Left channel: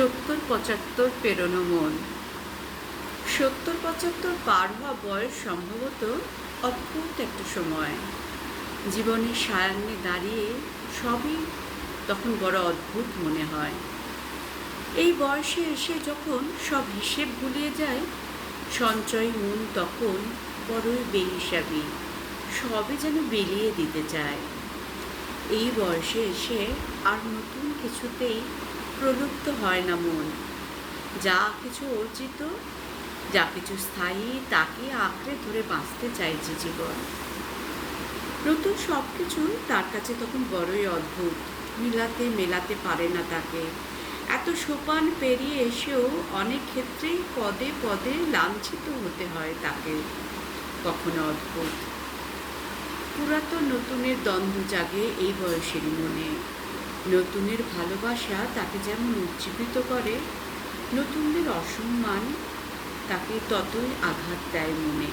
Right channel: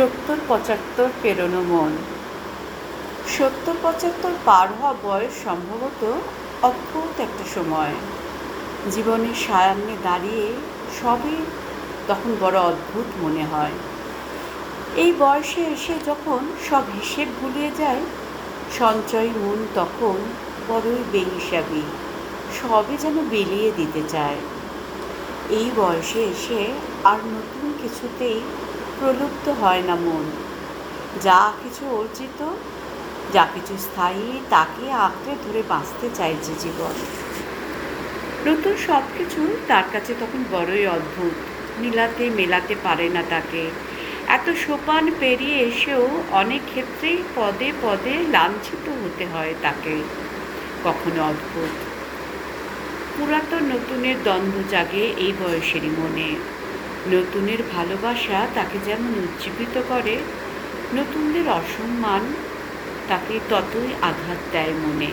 ৭০-৭৫ পেরোনো মন। ৭০-৭৫ পার হওয়া বয়স সম্ভবত অদ্ভুত একটা সময়। জীবনের সায়ান্নে দাঁড়িয়ে সবই তখন বড় অদ্ভুত মনে হয়। এই বয়সে এসে যখন সব হিসেব ভুলিয়ে যায়, সঞ্চয়ী মন তখন বড়ই বেহিসাবি, সবই যেন বিলিয়ে দিতে চায়। এই বয়সে এসে আর নতুন কিছুতেই প্রলুব্ধ হয় না মন। যা কিছু অর্জিত, যা কিছু স্থায়ী, তাকে আঁকড়ে ধরে বাঁচতে চাইছে জীবন। নতুন সব কিছু তার কাছে তখন বড়ই অদ্ভুত, মেলাতে পারে না তাকে। এত সোপান পেরিয়ে এসেও অনেক ক্ষেত্রেই পদে পদে লাঞ্ছিত হতে হয় তাকে। কখনো অদ্ভুত পুরাতন নতুনের দ্বন্দ্ব জাগে এই বয়সেরই মনে। নতুনের ভালোবাসা তাকে যেমন উজ্জীবিত করে, নতুনদের অসম্মান তাকে ততই আঘাত দেয় মনে।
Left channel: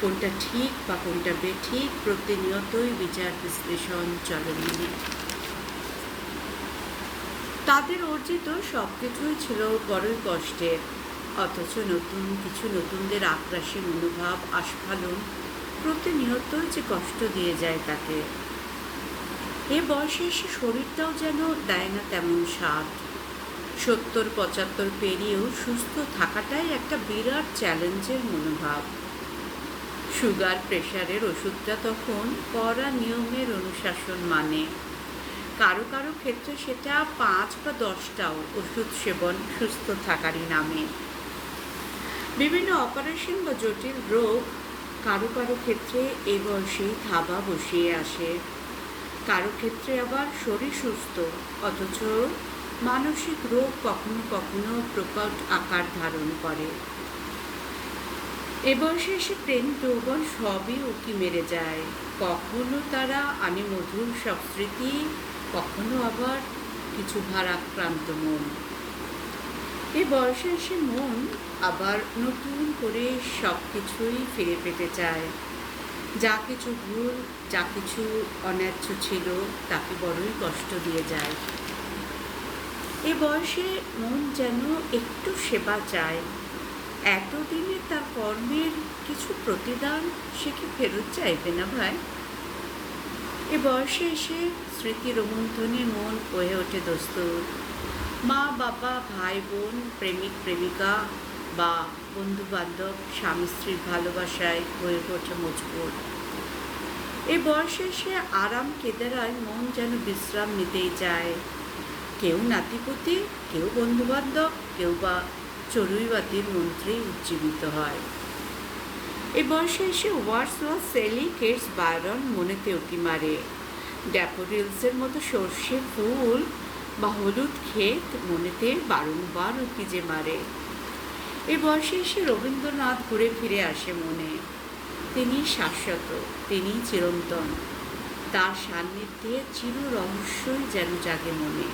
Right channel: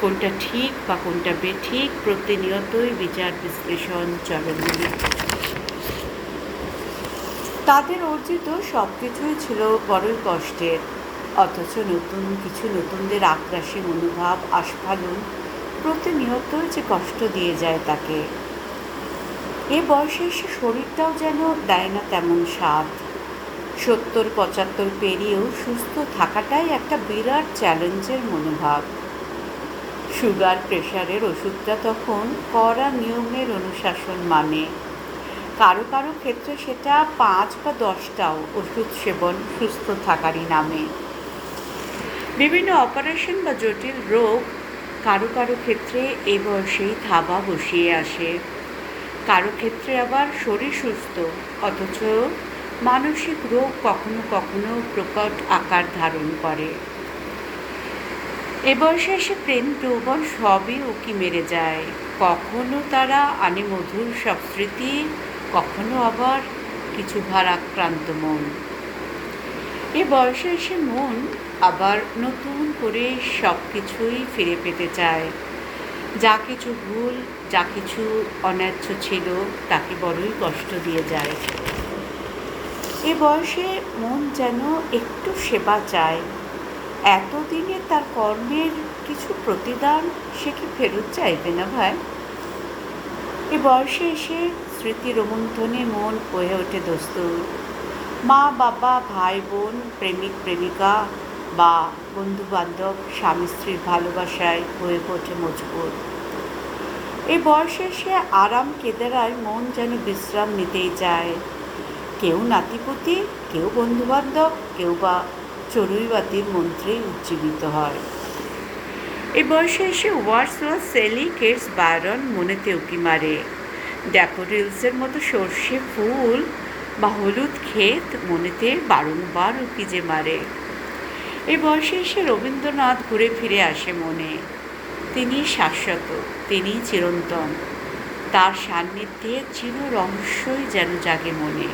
কোনটা ঠিক বা কোনটা বেঠিক প্রতিনিয়তই বিচার বিশ্লেষণ চলে মনে। তাদের অর্জিত সব কিছুই ছিল বড়ই কষ্টের, অথচ নতুনদের আক্রাসী মনোভাব আস্ফালন প্রতিনিয়তই যে কষ্ট দিয়ে যায় তাকে। এ বয়সে এসে শরীরটাও যেন দেয় না তেমন সাথ। ৭০-৭৫ পেরিয়েও সুস্থ থাকাটাই একটা বিরাট চ্যালেঞ্জের মনোভাব। সুগার প্রেশারের ওষুধটা তখন কড়া নিয়মের অনুশাসন মানে। কারো ক্ষেত্রে সেটা ৫ বা ১০টাও ওষুধ সেবন সুস্থ থাকারই নামে। বিভিন্ন অপারেশন বা জটিল রোগ কারো ক্ষেত্রে এ বয়সেই থাবা বসিয়ে আসে। কারো ক্ষেত্রে আবার শরীর সুস্থ, অথচ মানসিক রোগ কখনো প্রকট আকার ধারণ করে। এ বয়সে এসে প্রেম যৌবন সবই উকি মেরে যায়। কখনো তারা আনে মধুর সব স্মৃতি, কখনো আবার কিছু ভারাক্রান্ত মন। এ বয়সে এসে মন আবার নতুন করে সব কিছুই ফিরে পেতে চায়। যা কিছু ভুল, যা কিছু অন্যায্য ছিল, তাকে বড়ই কষ্ট দিয়ে যায়। এ বয়সে মন যেন একটু সেবা চায়। এতদিনে তার কর্মের কিছু প্রতিদান সে কি ফেরত চাইবে না ভাই? এ বয়সে এসে স্মৃতি রোমন্থনে মন হয়ে ওঠে দস্তুর। মা বাবা, ভাই বোন, প্রেমিক প্রেমিকা বা বন্ধু বান্ধব, স্বামী স্ত্রীর ভালোবাসায় হয়ে ওঠে মজবুত। এ বয়সে এসে আরাম কেদারায় মন যেন বিশ্রাম নিতেই চায়। কেউ নাতিপুতি, কেউ বন্ধুবান্ধব, কেউ বা চড়ুইবাতির মন্ত্রেই উজ্জীবিত হয়। এ বয়সে এসে ওয়ার্ডসওয়ার্থ, সেলি, কেটস, বায়রন মনেতে উকি মারে। ড্যাফোডিলসের মতো সর্ষে ফুল বা হলুদ ক্ষেত মনেতে বারংবার উকি যে মারে। এ বয়সে এসে রবীন্দ্রনাথ ঘুরে ফিরে আসে মনে। তিনি শাশ্বত, তিনি চিরন্তন। তার সান্নিধ্যে চির রহস্যই যেন জাগে মনে।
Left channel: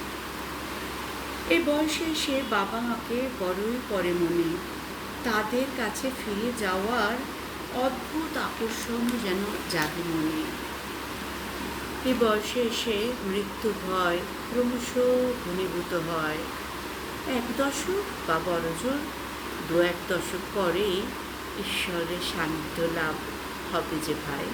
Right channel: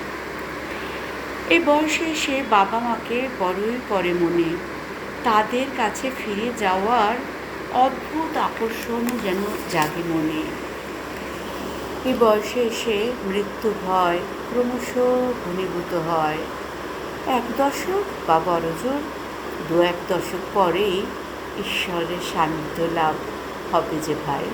এই বয়সে এসে বাবা মাকে বড়ই করে মনে। তাদের কাছে ফিরে যাওয়ার অদ্ভুত আকর্ষণ যেন জাগে মনে। এই বয়সে এসে মৃত্যু ভয় ক্রমশ ঘনীভূত হয়। ১ দশক বা বড়জোর ২-১ দশক পরেই ঈশ্বরের সান্নিধ্য লাভ হবে যে ভাই।